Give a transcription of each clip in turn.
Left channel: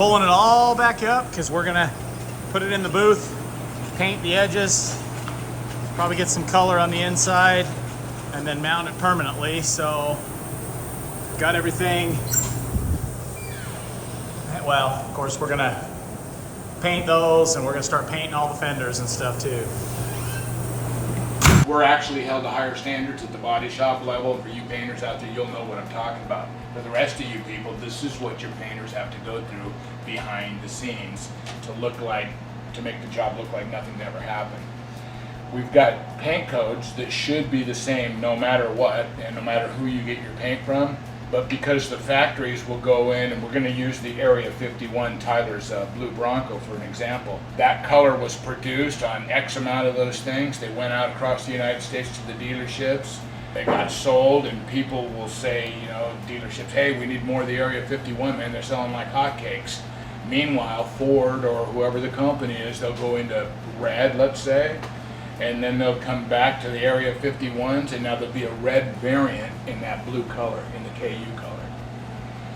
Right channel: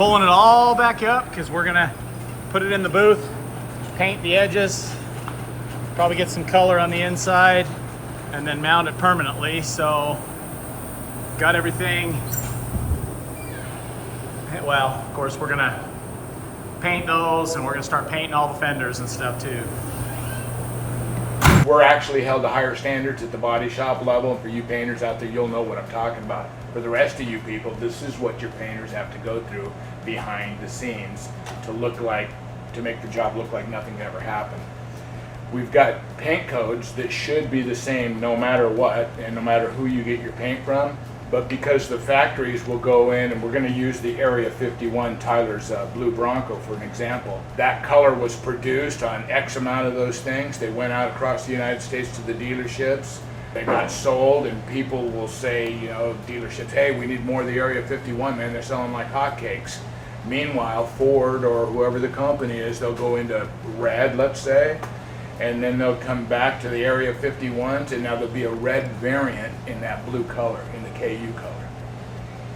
pulling it all back up because we're gonna put it in the booth, paint the edges, probably get some color on the inside, and then mount it permanently. So got everything. Well, of course, we're gonna paint those, and we're gonna start painting all the fenders and stuff too. We're actually held to higher standards at the body shop level. For you painters out there, you'll know what I'm talking about. For the rest of you people, this is what your painters have to go through behind the scenes to make the job look like nothing ever happened. We've got paint codes that should be the same no matter what, and no matter who you get your paint from. But because the factories will go in, and we're going to use the Area 51 Tyler's blue Bronco for an example. That color was produced on X amount of those things. They went out across the United States to the dealerships. They got sold, and people will say, you know, dealerships, hey, we need more of the Area 51, man. They're selling like hotcakes. Meanwhile, Ford or whoever the company is, they'll go into red, let's say, and then they'll come back to the Area 51s, and now there'll be a red variant in that blue color, in the KU color.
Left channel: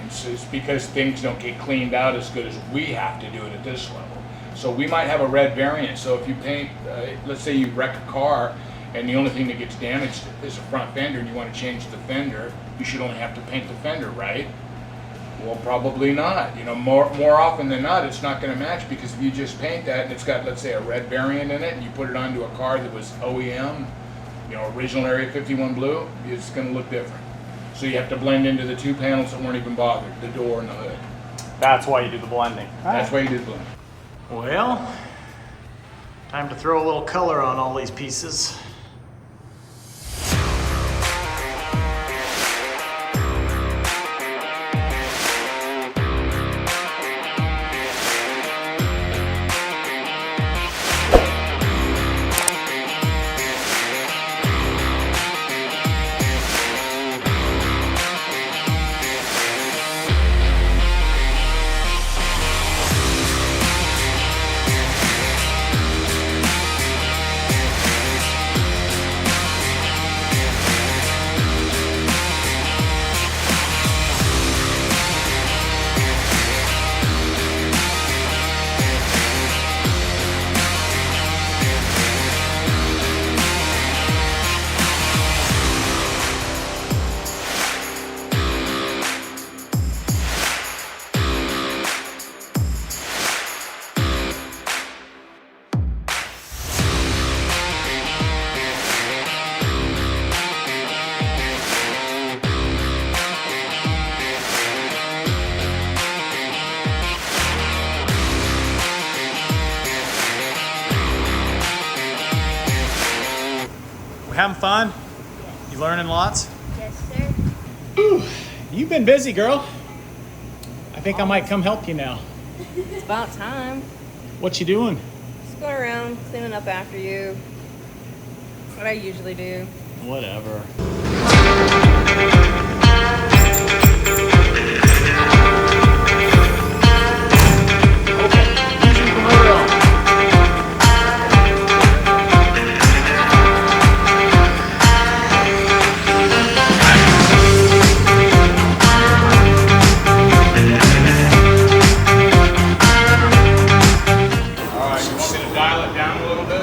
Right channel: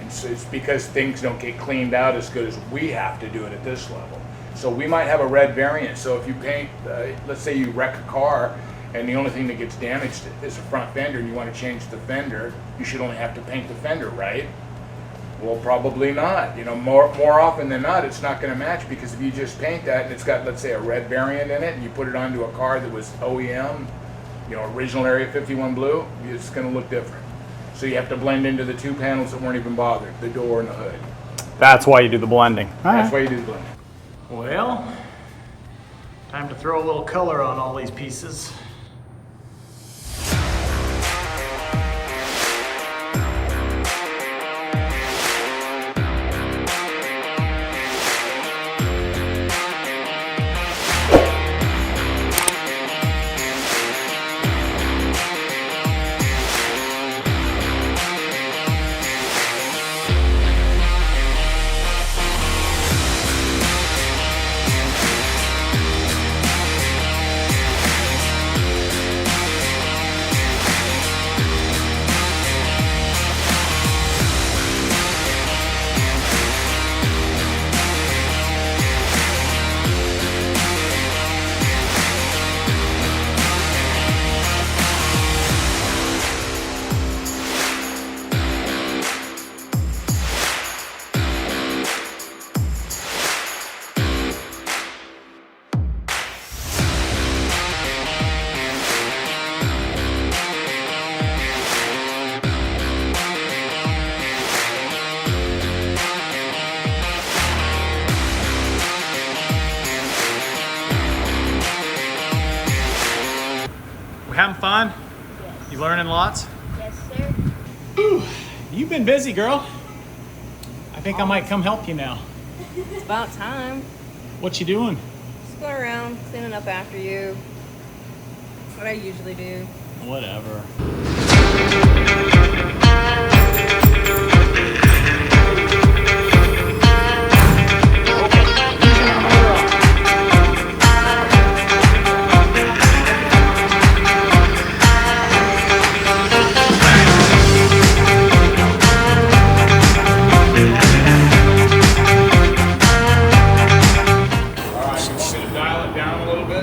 And so it's because things don't get cleaned out as good as we have to do it at this level. So we might have a red variant. So if you paint, let's say you wreck a car, and the only thing that gets damaged is a front fender, and you want to change the fender, you should only have to paint the fender, right? Well, probably not. You know, more often than not, it's not going to match, because if you just paint that and it's got, let's say, a red variant in it, and you put it onto a car that was OEM, you know, original Area 51 blue, it's going to look different. So you have to blend into the two panels that weren't even bothered, the door and the hood. That's why you do the blending. That's why you do the blending. Well, time to throw a little color on all these pieces. Having fun? Yes. You learning lots? Yes, sir. Whew. You've been busy, girl. I think I might come help you now. It's about time. What you doing? Just going around cleaning up after you. What I usually do. Whatever.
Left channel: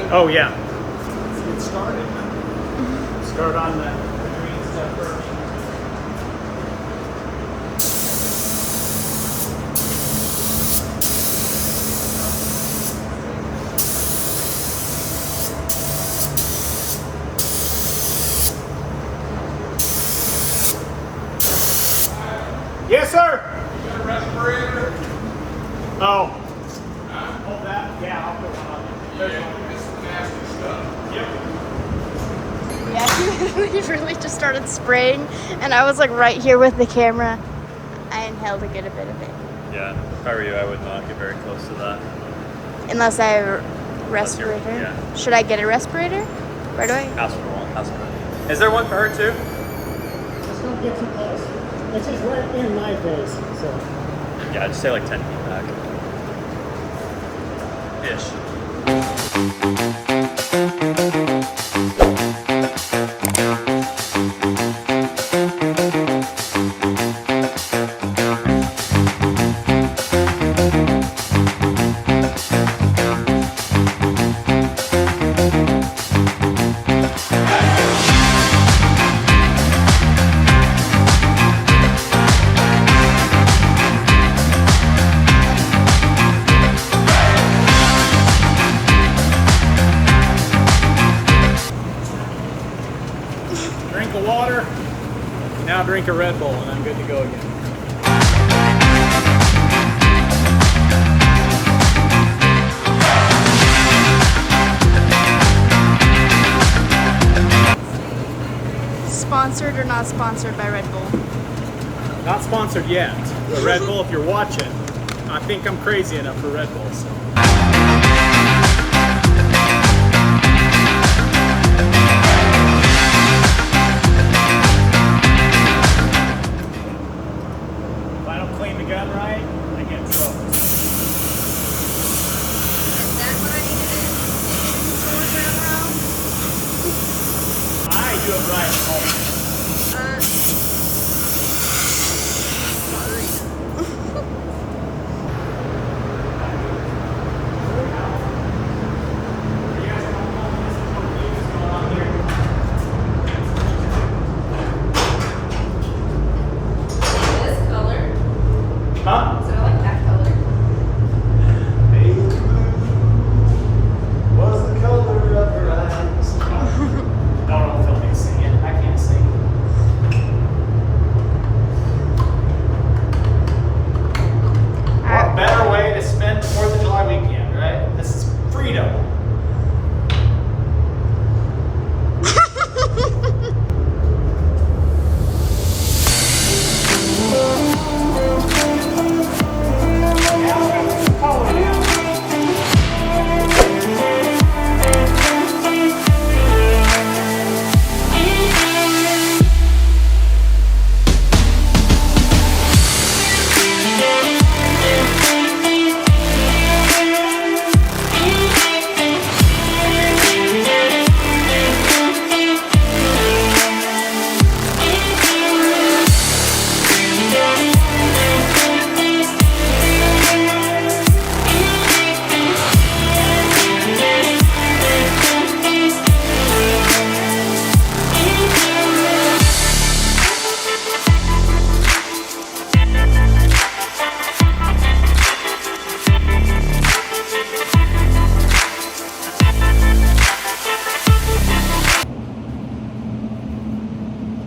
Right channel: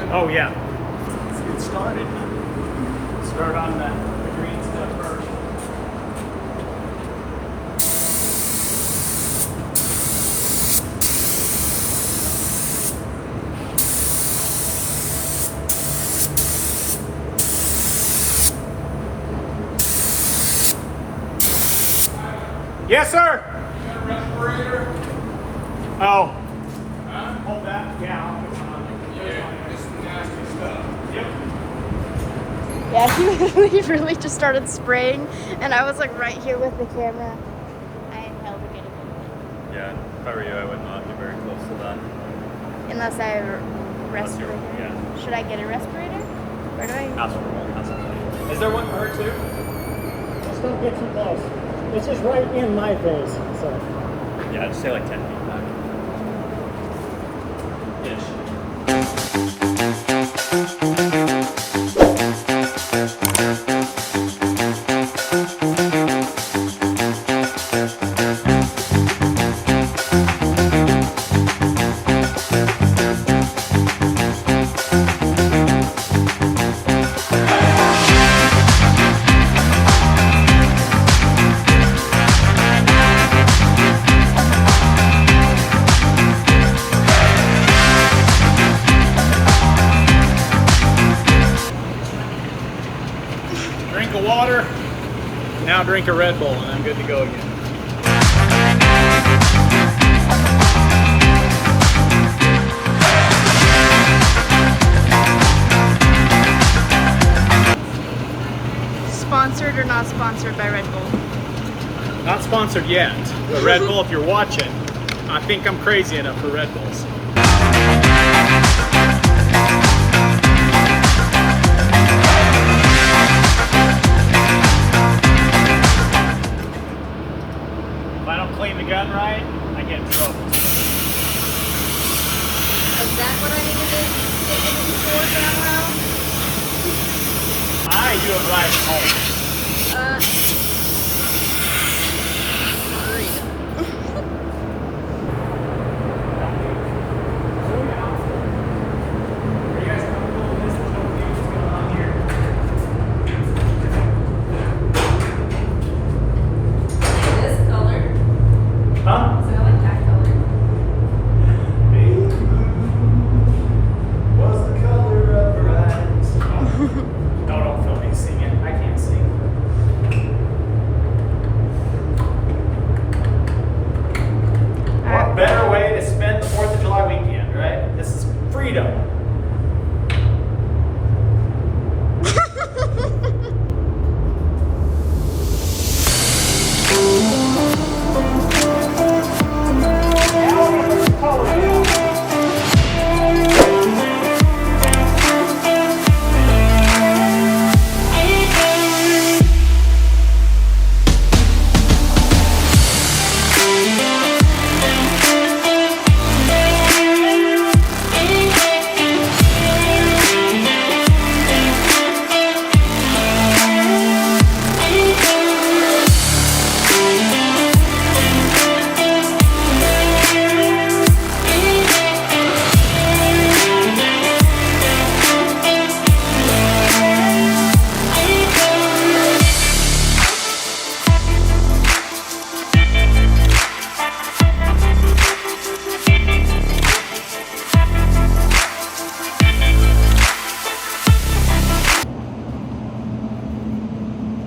Oh yeah. Let's get started. Start on the green stuff first. Yes, sir. You got a respirator? Oh. Hold that. Yeah, I'll put one on. This is nasty stuff. Yep. Yeah, he really just started spraying, and I was like right here with the camera. I inhaled to get a bit of it. Yeah, if I were you, I would not get very close to that. Unless I have a respirator. Yeah. Should I get a respirator? Where do I? Ask for one. Ask for one. Is there one for her too? Just don't get too close. It's just right in my face, so. Yeah, I'd say like 10 feet back. Ish. drink a Red Bull and I'm good to go again. Sponsored or not sponsored by Red Bull? Not sponsored yet, but Red Bull, if you're watching, I think I'm crazy enough for Red Bull. So. If I don't clean the gun right, I get in trouble. I do it right at home.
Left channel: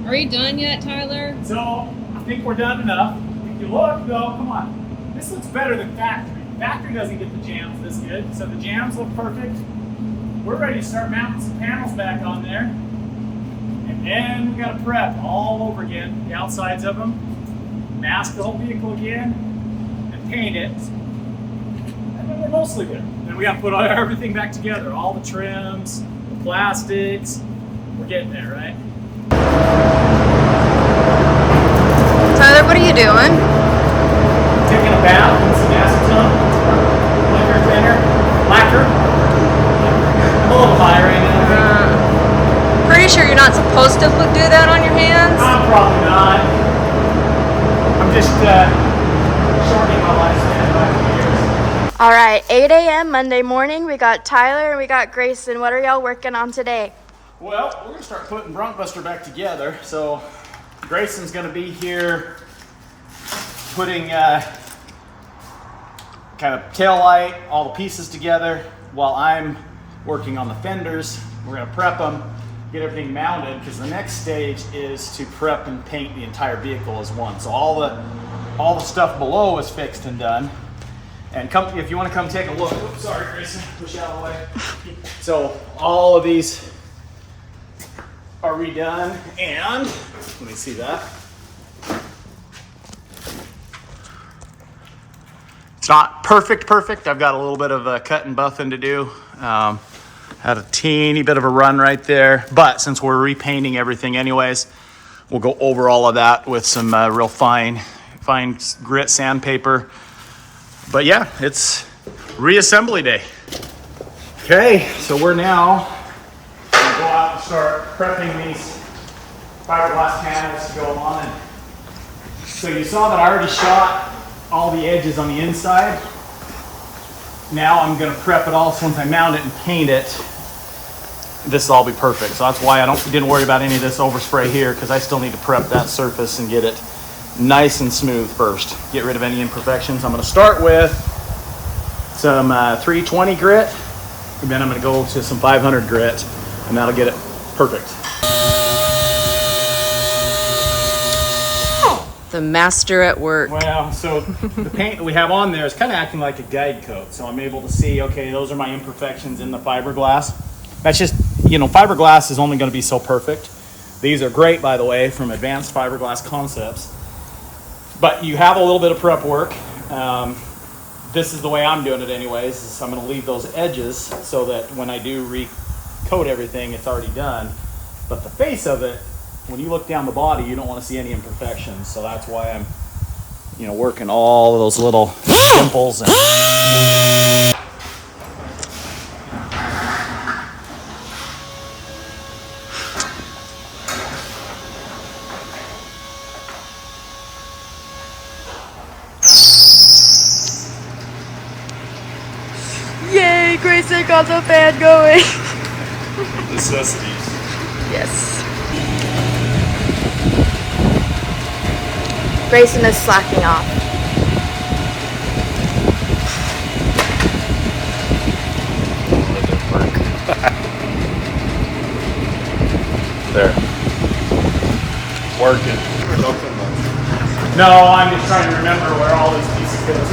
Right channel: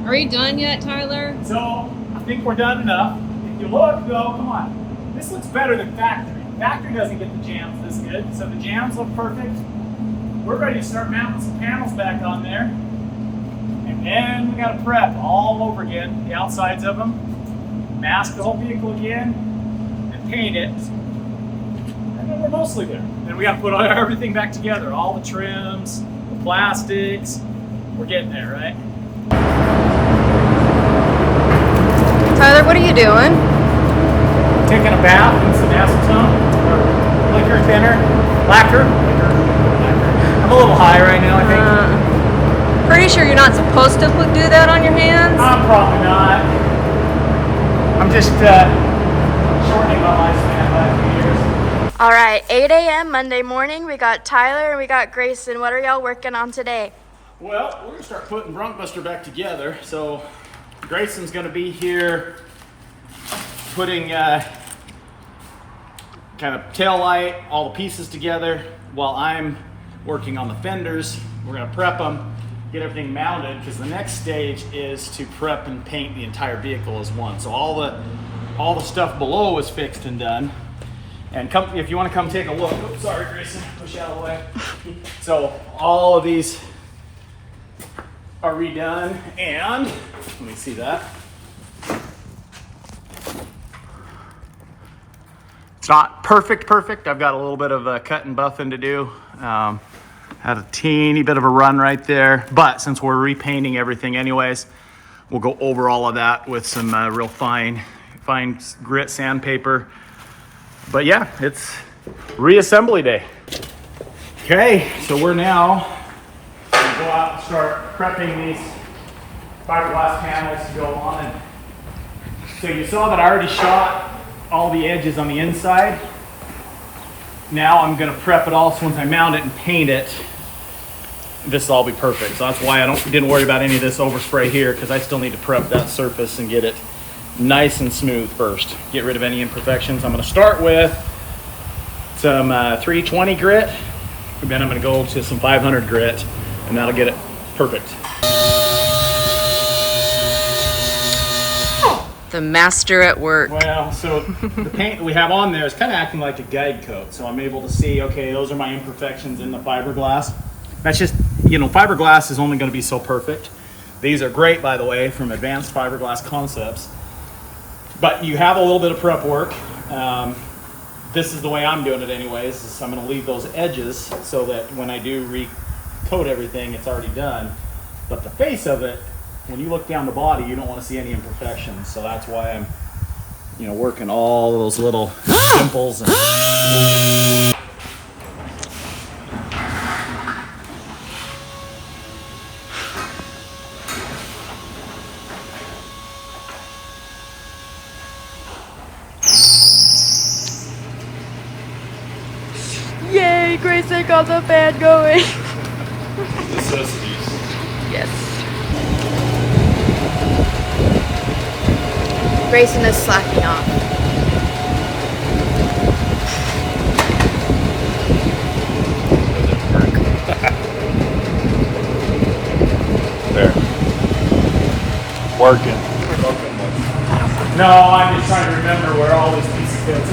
Are you done yet, Tyler? So, I think we're done enough. If you look, though, come on. This looks better than factory. Factory doesn't get the jams this good, so the jams look perfect. We're ready to start mounting some panels back on there. And then we gotta prep all over again, the outsides of them, mask the whole vehicle again, and paint it. And then we're mostly there. Then we gotta put everything back together, all the trims, the plastics. We're getting there, right? Tyler, what are you doing? Taking a bath in some acetone or liquor thinner, lacquer. I'm a little high right now, I think. Pretty sure you're not supposed to do that on your hands. Probably not. I'm just shortening my lifespan by a few years. All right, 8 a.m. Monday morning. We got Tyler and we got Grayson. What are y'all working on today? Well, we're gonna start putting BroncBuster back together. So Grayson's gonna be here putting kind of tail light, all the pieces together, while I'm working on the fenders. We're gonna prep them, get everything mounted, because the next stage is to prep and paint the entire vehicle as one. So all the stuff below is fixed and done. And come, if you want to come take a look. Oops, sorry, Grayson, push you out of the way. So all of these are redone, and let me see that. It's not perfect. I've got a little bit of cut and buffing to do. Had a teeny bit of a run right there, but since we're repainting everything anyways, we'll go over all of that with some real fine grit sandpaper. But yeah, it's reassembly day. Okay, so we're now gonna go out and start prepping these fiberglass panels to go on. And so you saw that I already shot all the edges on the inside. Now I'm gonna prep it all, so once I mount it and paint it, this will all be perfect. So that's why I didn't worry about any of this overspray here, because I still need to prep that surface and get it nice and smooth first. Get rid of any imperfections. I'm gonna start with some 320 grit, and then I'm gonna go to some 500 grit, and that'll get it perfect. The master at work. Well, so the paint that we have on there is kind of acting like a guide coat. So I'm able to see, okay, those are my imperfections in the fiberglass. That's just, you know, fiberglass is only going to be so perfect. These are great, by the way, from Advanced Fiberglass Concepts. But you have a little bit of prep work. This is the way I'm doing it anyways. So I'm going to leave those edges so that when I do recoat everything, it's already done. But the face of it, when you look down the body, you don't want to see any imperfections. So that's why I'm, you know, working all those little dimples. Yay, Grayson got the fan going. Necessities. Yes. Grayson is slacking off. There. Working. No, I'm just trying to remember where all these pieces go to.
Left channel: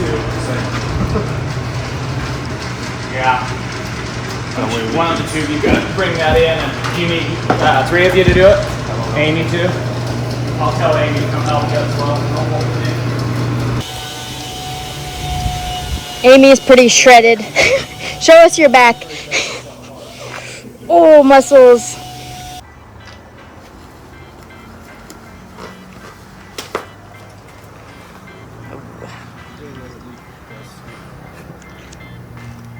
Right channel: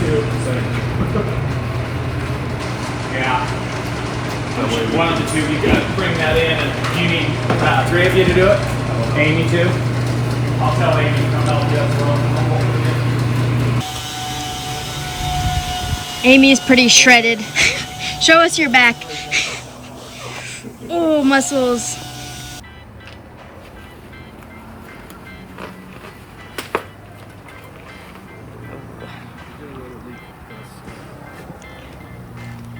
So. Yeah. One of the two of you got to bring that in, and you need 3 of you to do it. Amy too. I'll tell Amy to come help you as well. Amy is pretty shredded. Show us your back. Oh, muscles.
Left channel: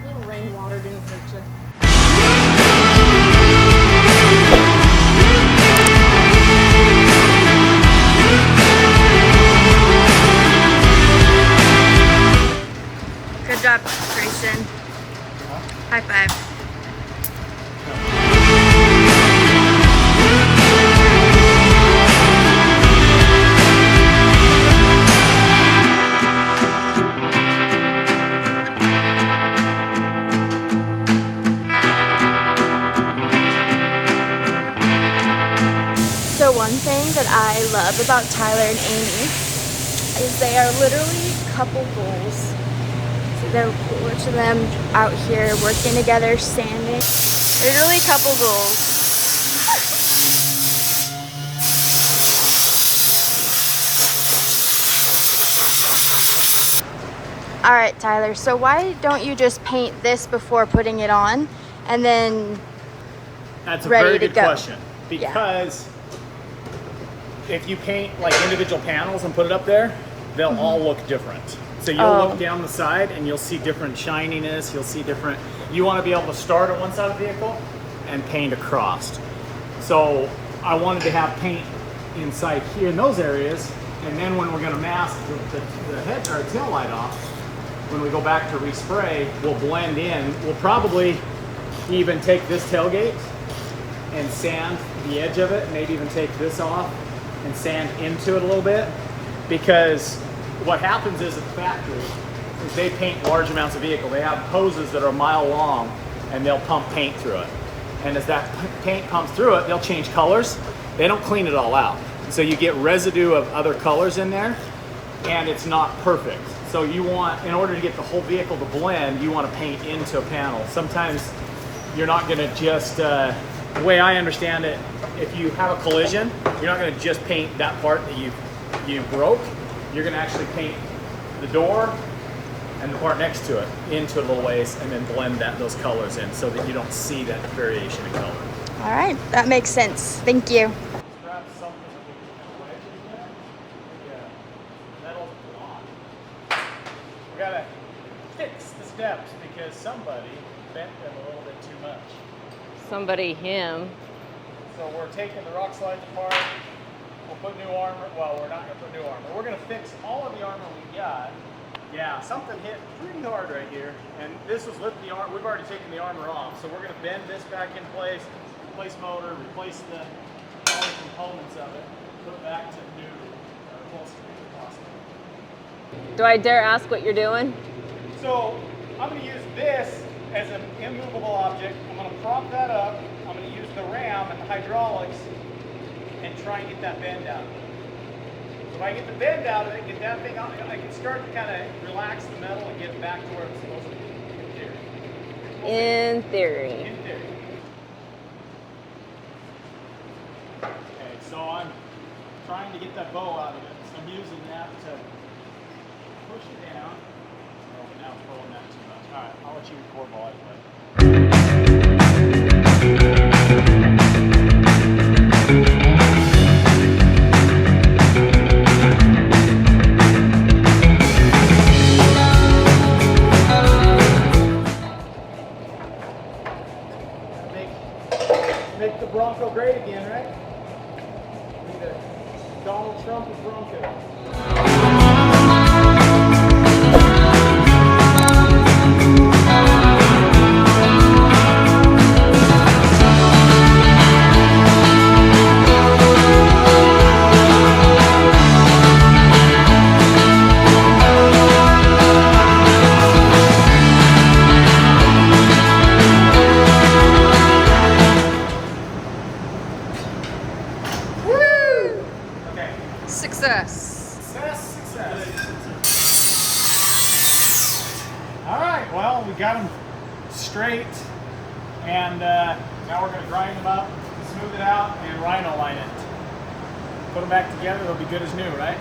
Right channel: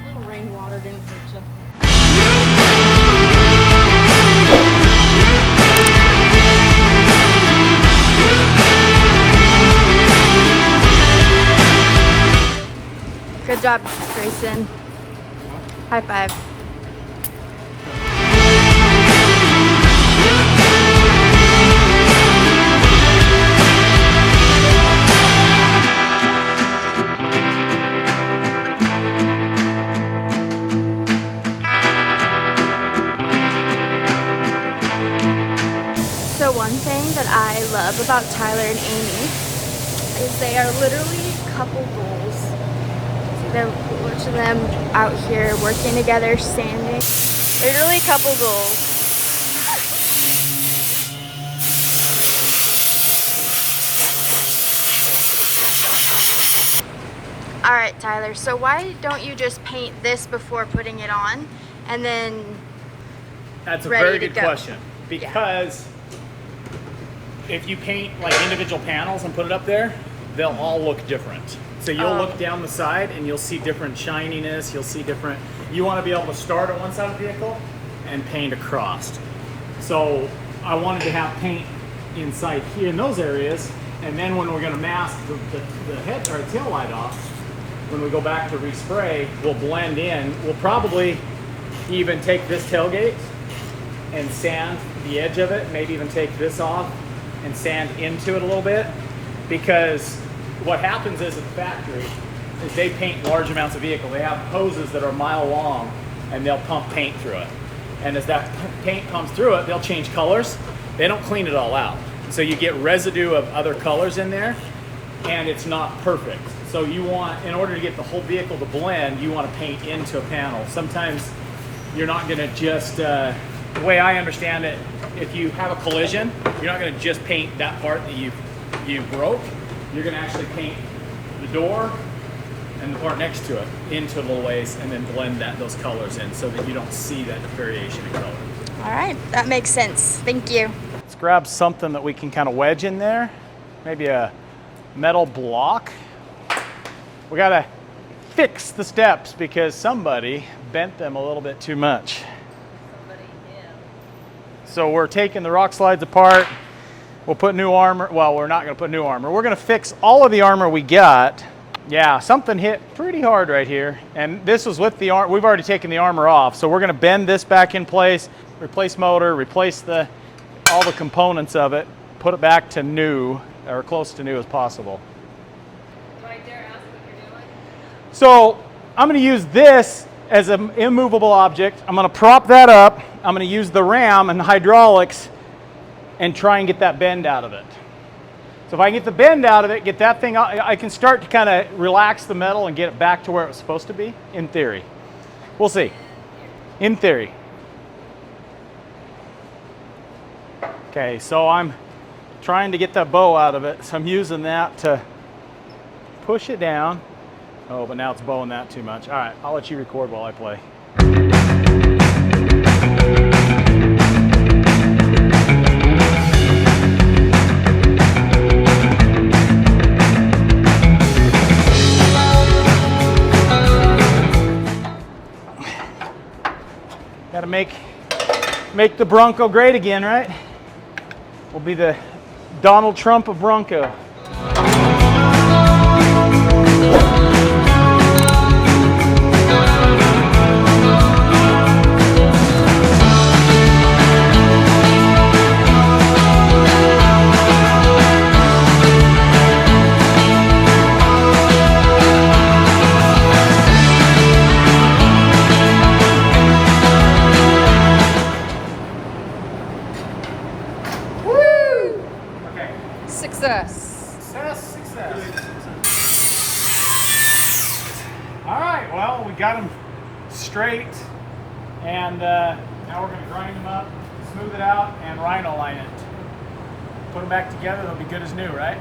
Little rainwater didn't hurt you. Good job, Grayson. High five. So one thing that I love about Tyler and Amy is they are literally couple goals. They're watching them out here working together, sanding. Literally couple goals. All right, Tyler, so why don't you just paint this before putting it on and then That's a ready very to good go? question. Because if you paint like individual panels and put it up there, they'll all look different. So you'll look down the side and you'll see different shininess, you'll see different, you want to be able to start at one side of the vehicle and paint across. So I wanted to have paint inside here in those areas, and then when we're going to mask the head or tail light off, when we go back to respray, we'll blend in. We'll probably even take this tailgate and sand the edge of it, maybe even take this off and sand into it a little bit, because what happens is at the factory is they paint large amounts of vehicle. They have hoses that are a mile long and they'll pump paint through it. And as that paint pumps through it, they'll change colors. They don't clean it all out. So you get residue of other colors in there and it's not perfect. So you want, in order to get the whole vehicle to blend, you want to paint into a panel. Sometimes you're not going to just, the way I understand it, if you have a collision, you're not going to just paint that part that you broke. You're going to actually paint the door and the part next to it into a little ways and then blend those colors in so that you don't see that variation in color. All right, that makes sense. Thank you. Let's grab something that we can kind of wedge in there. Maybe a metal block. We got to fix the steps because somebody bent them a little bit too much. Somebody, him. So we're taking the rock slides apart. We'll put new armor. Well, we're not going to put new armor. We're going to fix all of the armor we got. Yeah, something hit pretty hard right here. And this was with the armor. We've already taken the armor off. So we're going to bend this back in place, replace motor, replace all the components of it, put it back to new, or close to new as possible. Do I dare ask what you're doing? So I'm going to use this as an immovable object. I'm going to prop that up. I'm going to use the ram and the hydraulics and try and get that bend out of it. So if I can get the bend out of it, get that thing out, I can start to kind of relax the metal and get it back to where it was supposed to be, in theory. We'll see. In theory. In theory. Okay, so I'm trying to get that bow out of it, so I'm using that to push it down. Oh, but now it's bowing that too much. All right, I'll let you record while I play. Gotta make the Bronco great again, right? We'll be the Donald Trump of Bronco. Success. Success. All right, well, we got them straight, and now we're going to grind them up, smooth it out, and rhino line it. Put them back together, they'll be good as new, right?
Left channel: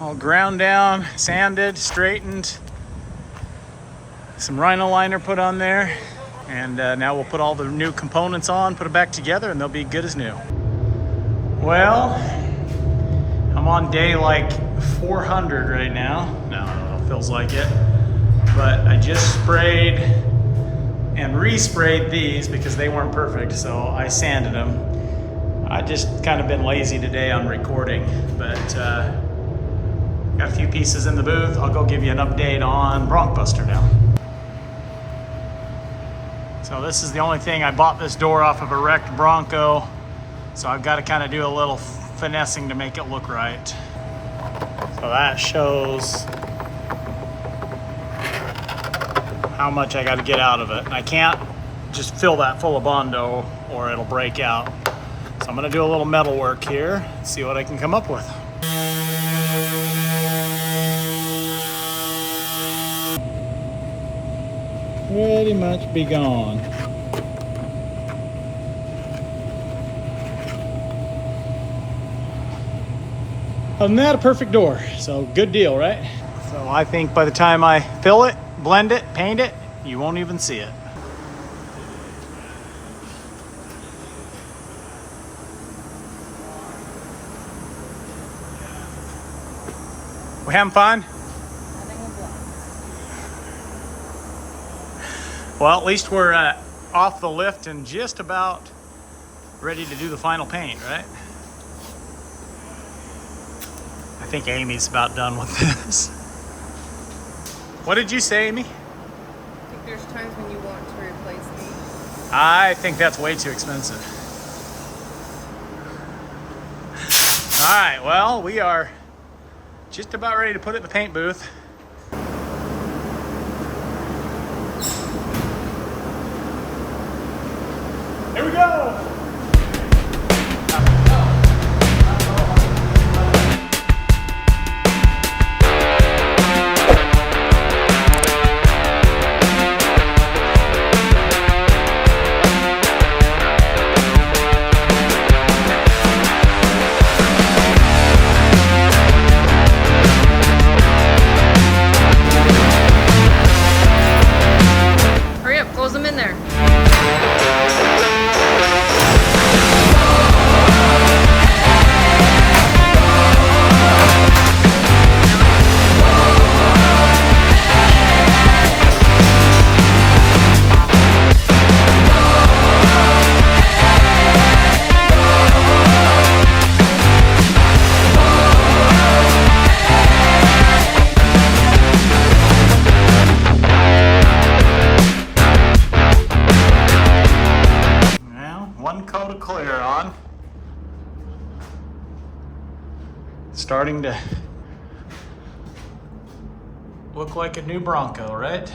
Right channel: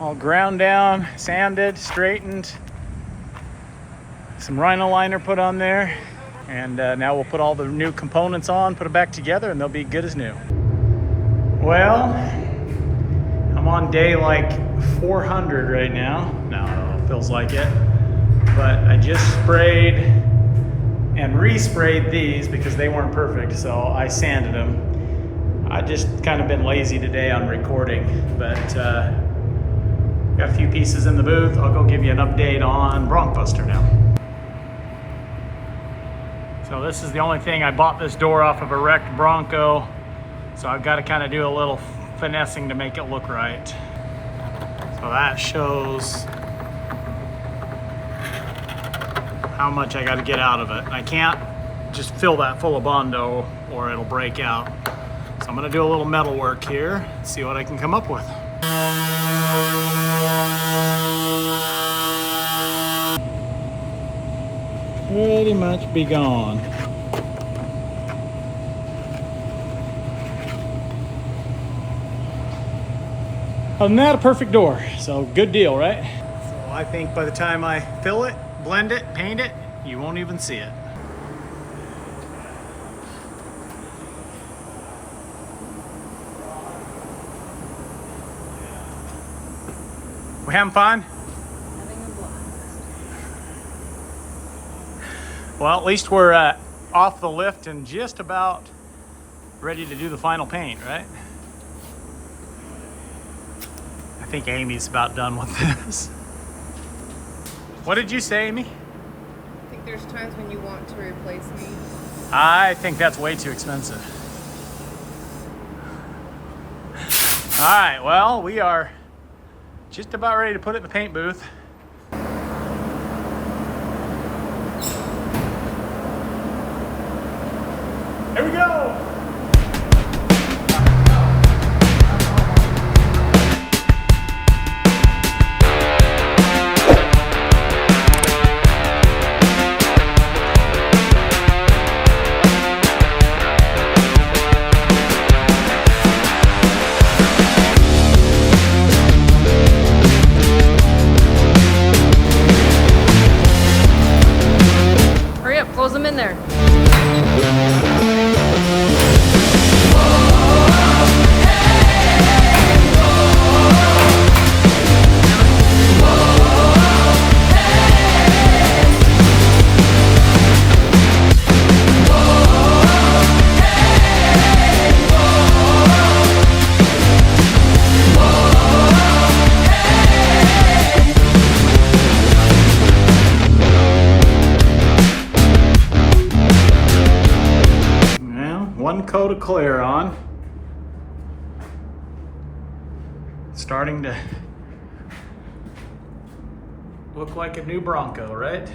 All ground down, sanded, straightened, some rhino liner put on there, and now we'll put all the new components on, put it back together, and they'll be good as new. Well, I'm on day like 400 right now. No, I don't know, feels like it. But I just sprayed and resprayed these because they weren't perfect, so I sanded them. I just kind of been lazy today on recording, but got a few pieces in the booth. I'll go give you an update on BroncBuster now. So this is the only thing. I bought this door off of a wrecked Bronco, so I've got to kind of do a little finessing to make it look right. So that shows how much I got to get out of it. I can't just fill that full of Bondo or it'll break out. So I'm going to do a little metal work here, see what I can come up with. Pretty much be gone. Other than that, a perfect door. So good deal, right? So I think by the time I fill it, blend it, paint it, you won't even see it. We having fun? Having a blast. Well, at least we're off the lift and just about ready to do the final paint, right? I think Amy's about done with this. What did you say, Amy? I think there's times when you want to replace me. I think that's way too expensive. All right, well, we are just about ready to put it in the paint booth. Here we go. Hurry up, close them in there. coat of clear on. Starting to look like a new Bronco, right?